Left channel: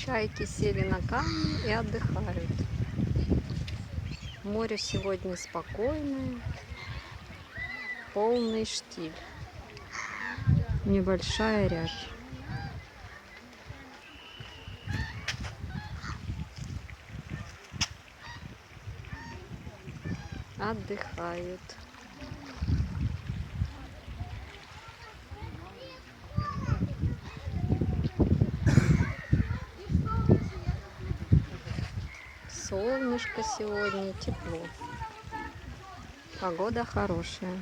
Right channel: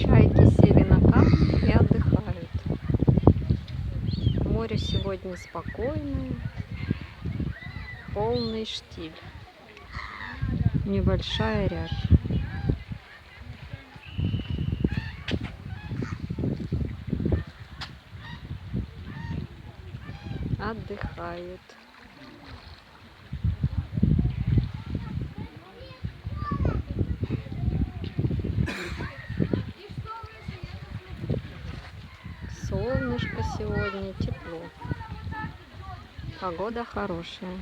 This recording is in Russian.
Чайки сели на камни и отдыхают. Море сегодня спокойное, полный штиль, небольшая рябь. Отдыхают. Солнышко сегодня, тепло. Погода хорошая.